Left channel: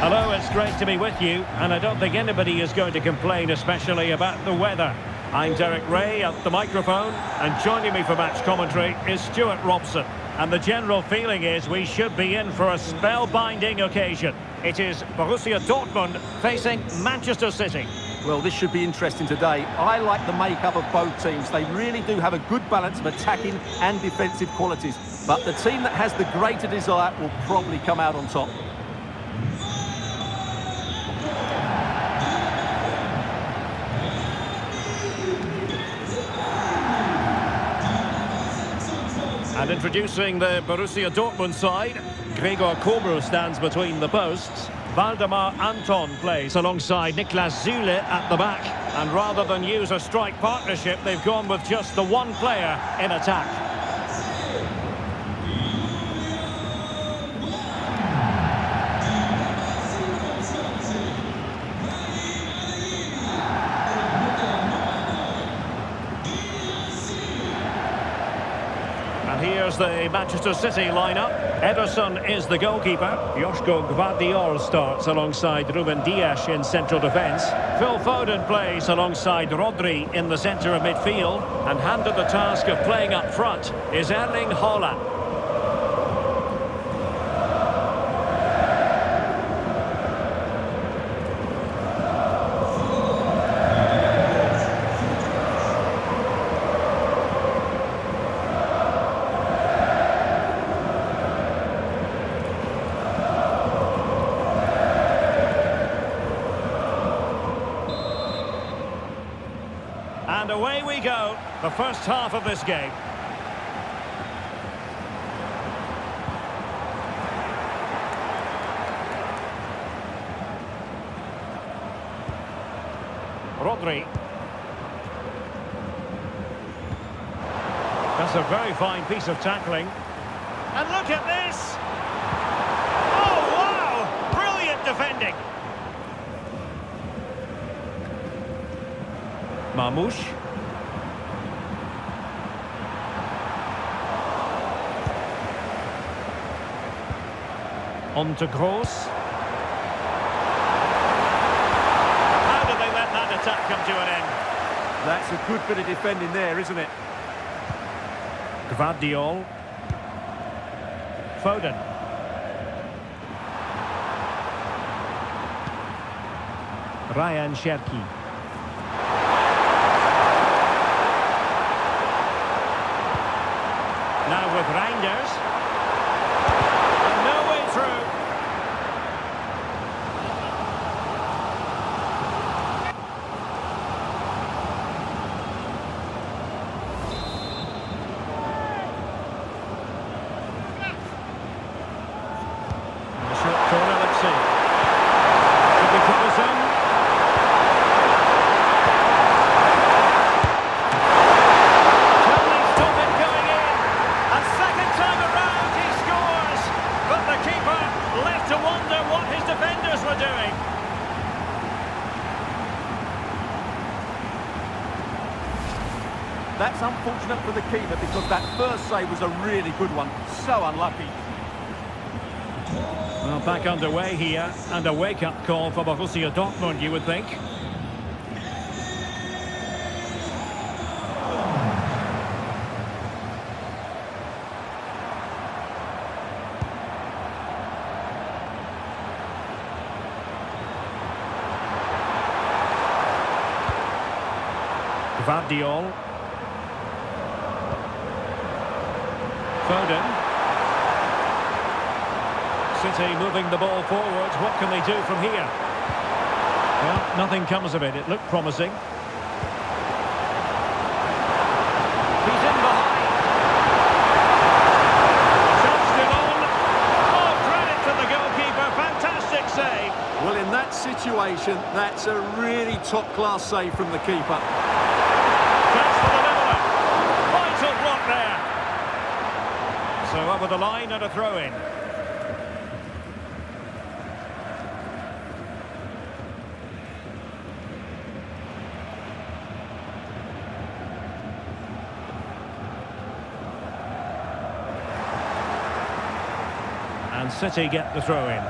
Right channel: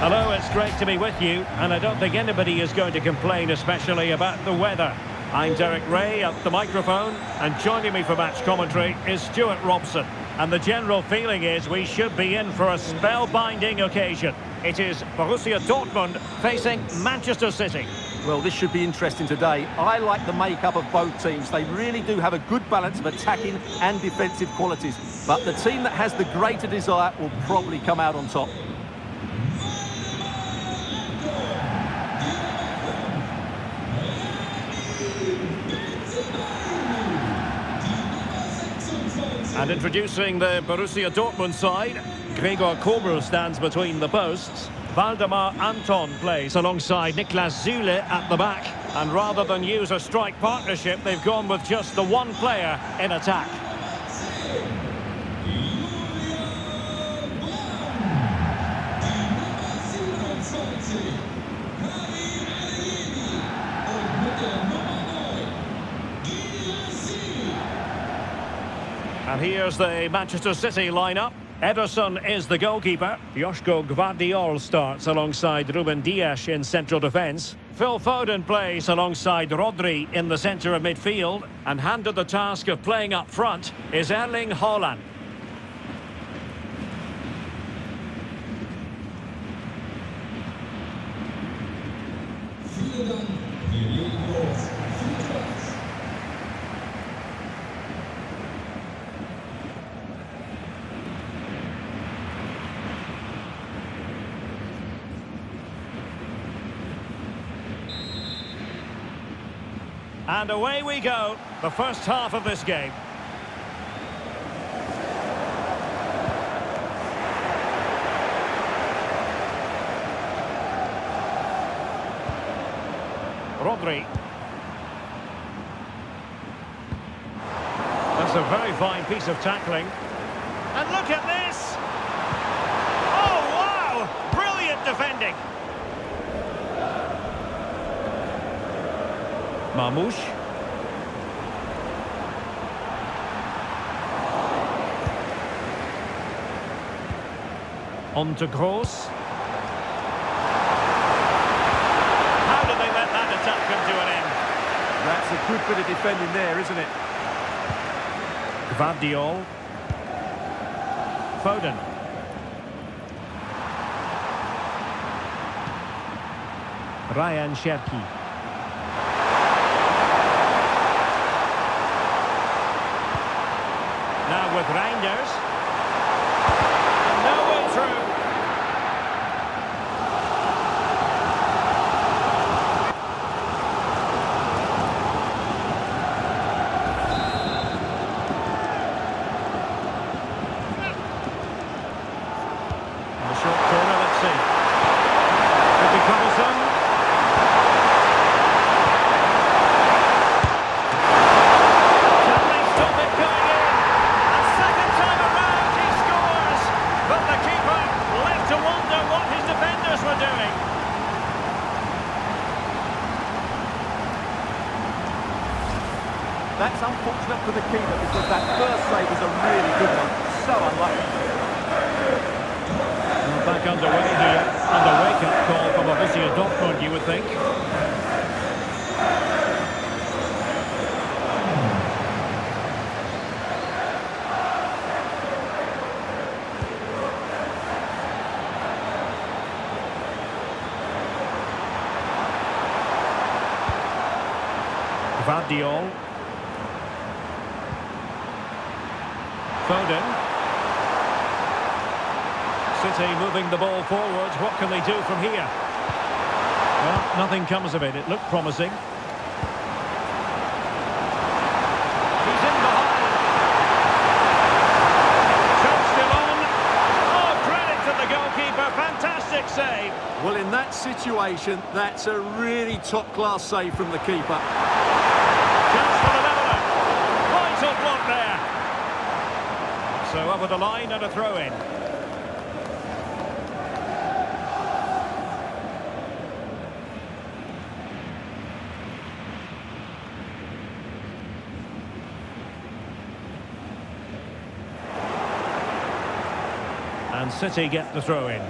Hello, it's great to be with you, and I don't think anybody is going to complain, especially about the weather. I'm Derek Ray at the microphone, and joining me for match commentary is Stuart Robson. And the general feeling is we should be in for a spellbinding occasion. It is Borussia Dortmund facing Manchester City. Well, this should be interesting today. I like the makeup of both teams. They really do have a good balance of attacking and defensive qualities. But the team that has the greater desire will probably come out on top. And introducing the Borussia Dortmund side, Gregor Kobel stands between the posts. Waldemar Anton plays alongside Niklas Süle at the back. And rather than use a strike partnership, they've gone with just the one player in attack. And here's the Manchester City lineup. Ederson is the goalkeeper. Joško Gvardiol starts alongside Ruben Dias in central defence. Phil Foden plays alongside Rodri in the centre of midfield. And handed the task of playing up front is Erling Haaland. And away we go, the first half of this game. Rodri. That's a very fine piece of tackling. And look at this! Oh, wow! Brilliant defending! Marmoush. On to Gross. How did they let that attack come to an end? That's a good bit of defending there, isn't it? Gvardiol. Foden. Ryan Cherki. Now with Reinders. And no way through. And a short corner, let's see. Could be troublesome. To wonder what his defenders were doing. That's unfortunate for the keeper because that first save was a really good one. So unlucky. Well, back underway here, and a wake-up call for Borussia Dortmund, you would think. Gvardiol. Foden. City moving the ball forwards. What can they do from here? Well, nothing comes of it. It looked promising. He's in behind. Shot still on. Oh, credit to the goalkeeper. Fantastic save. Well, in that situation, that's a really top-class save from the keeper. Chance for the leveller. Vital block there. So over the line and a throw-in. And City get the throw-in.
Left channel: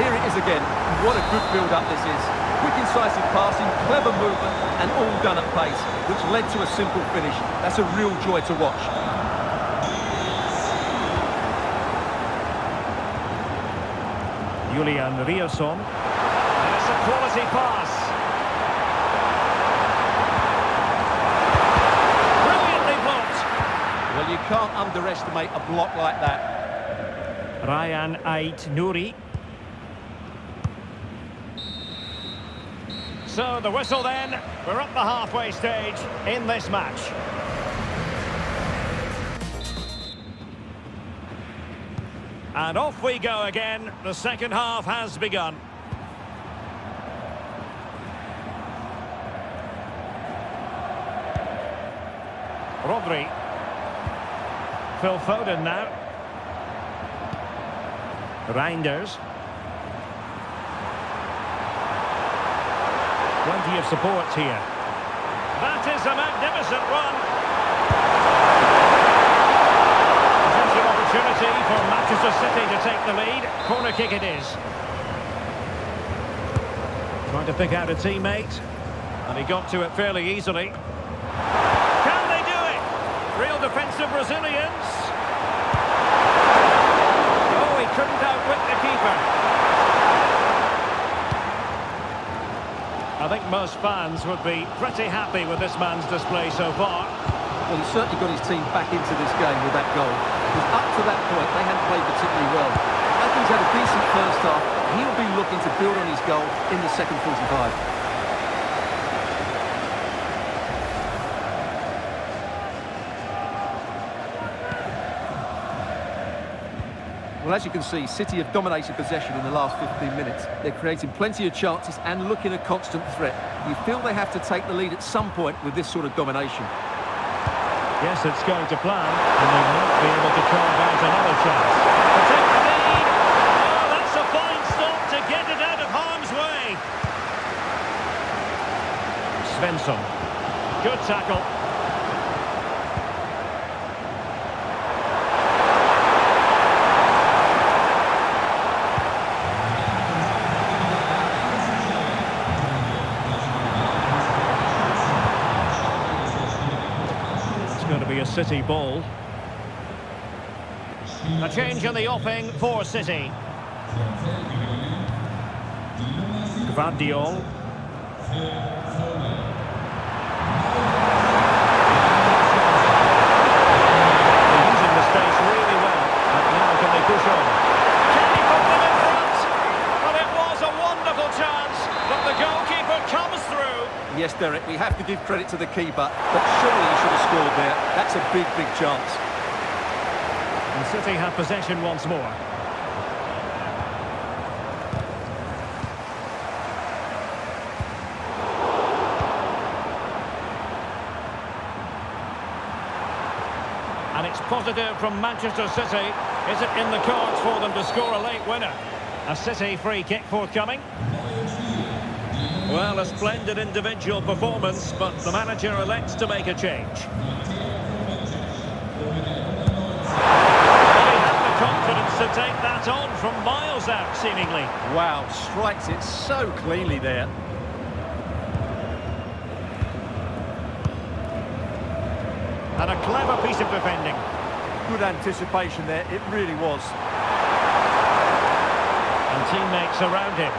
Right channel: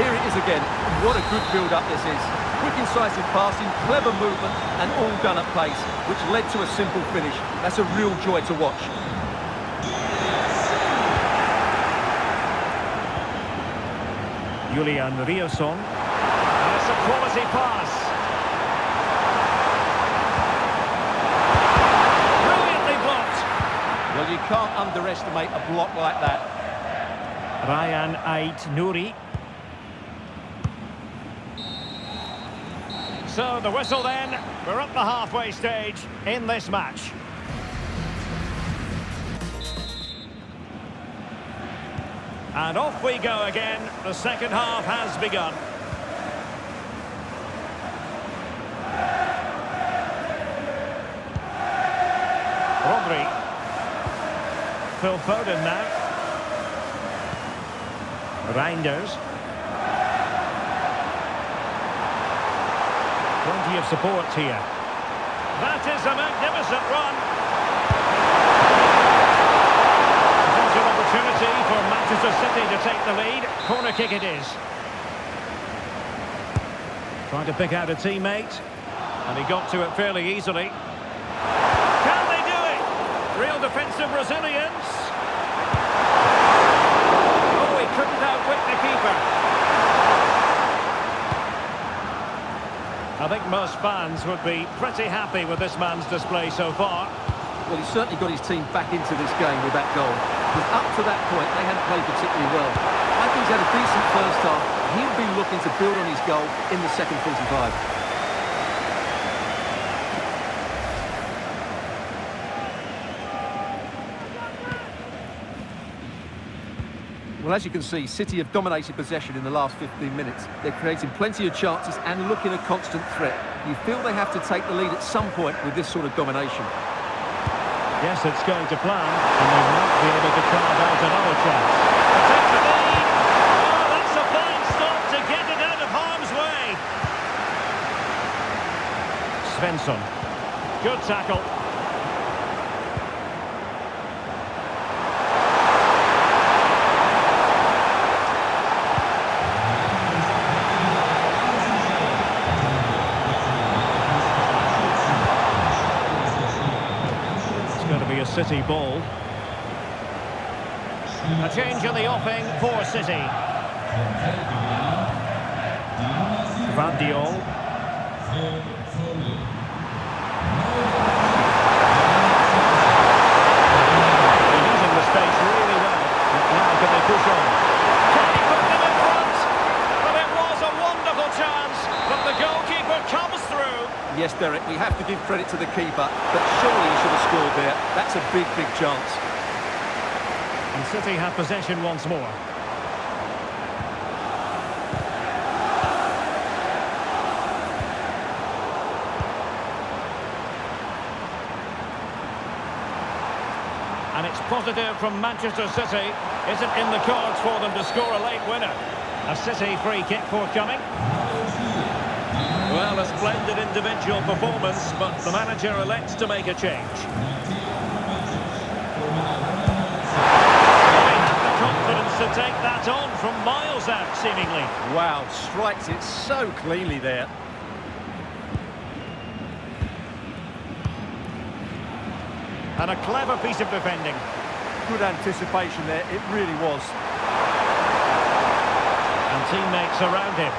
here it is again. What a good build-up this is. Quick, incisive passing, clever movement, and all done at pace, which led to a simple finish. That's a real joy to watch. Julian Riosson. And it's a quality pass. Brilliantly blocked. Well, you can't underestimate a block like that. Ryan Ait-Nouri. So the whistle then. We're up the halfway stage in this match. And off we go again. The second half has begun. Rodri. Phil Foden now. Reinders. Plenty of support here. That is a magnificent run. Potential opportunity for Manchester City to take the lead. Corner kick it is. Trying to pick out a teammate. And he got to it fairly easily. Can they do it? Real defensive resilience. Oh, he couldn't outwit the keeper. I think most fans would be pretty happy with this man's display so far. Well, he certainly got his team back into this game with that goal. Because up to that point, they hadn't played particularly well. I think he's had a decent first half. He'll be looking to build on his goal in the second 45. Well, as you can see, City have dominated possession in the last 15 minutes. They're creating plenty of chances and looking a constant threat. You feel they have to take the lead at some point with this sort of domination. Yes, it's going to plan, and they might be able to carve out another chance. To take the lead. Oh, that's a fine stop to get it out of harm's way. Svensson. Good tackle. Going to be a City ball. A change in the offing for City. Gvardiol. They're using the space really well. But now can they push on? Can he put them in front? Well, it was a wonderful chance, but the goalkeeper comes through. Yes, Derek, we have to give credit to the keeper, but surely he should have scored there. That's a big, big chance. And City have possession once more. And it's positive from Manchester City. Is it in the cards for them to score a late winner? A City free kick forthcoming. Well, a splendid individual performance, but the manager elects to make a change. They have the confidence to take that on from miles out, seemingly. Wow, strikes it so cleanly there. And a clever piece of defending. Good anticipation there, it really was. And teammates around him.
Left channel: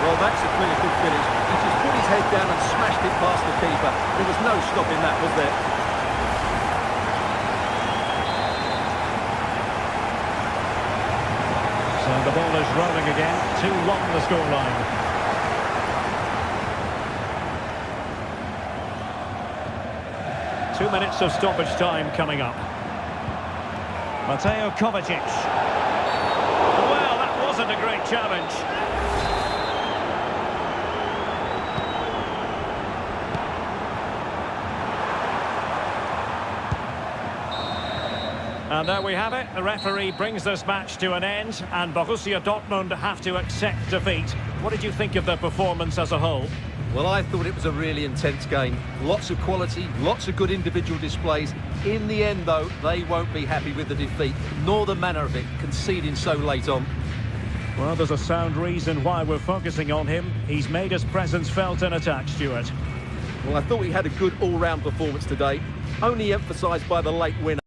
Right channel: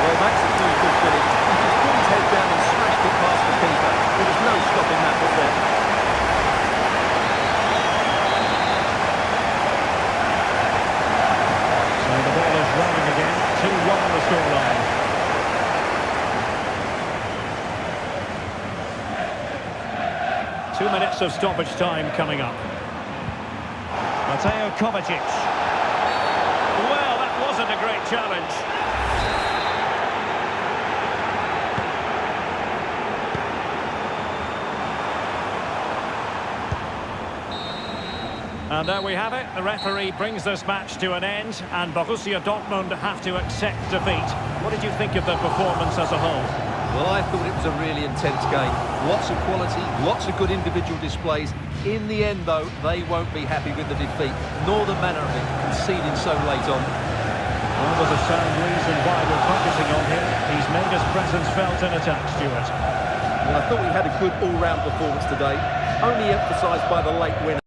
Well, that's a clear good finish. He just put his head down and smashed it past the keeper. There was no stopping that, was there? So the ball is rolling again. 2-1 the scoreline. Two minutes of stoppage time coming up. Mateo Kovacic. Well, that wasn't a great challenge. And there we have it. The referee brings this match to an end, and Borussia Dortmund have to accept defeat. What did you think of their performance as a whole? Well, I thought it was a really intense game. Lots of quality, lots of good individual displays. In the end, though, they won't be happy with the defeat, nor the manner of it, conceding so late on. Well, there's a sound reason why we're focusing on him. He's made his presence felt in attack, Stuart. Well, I thought he had a good all-round performance today, only emphasised by the late win.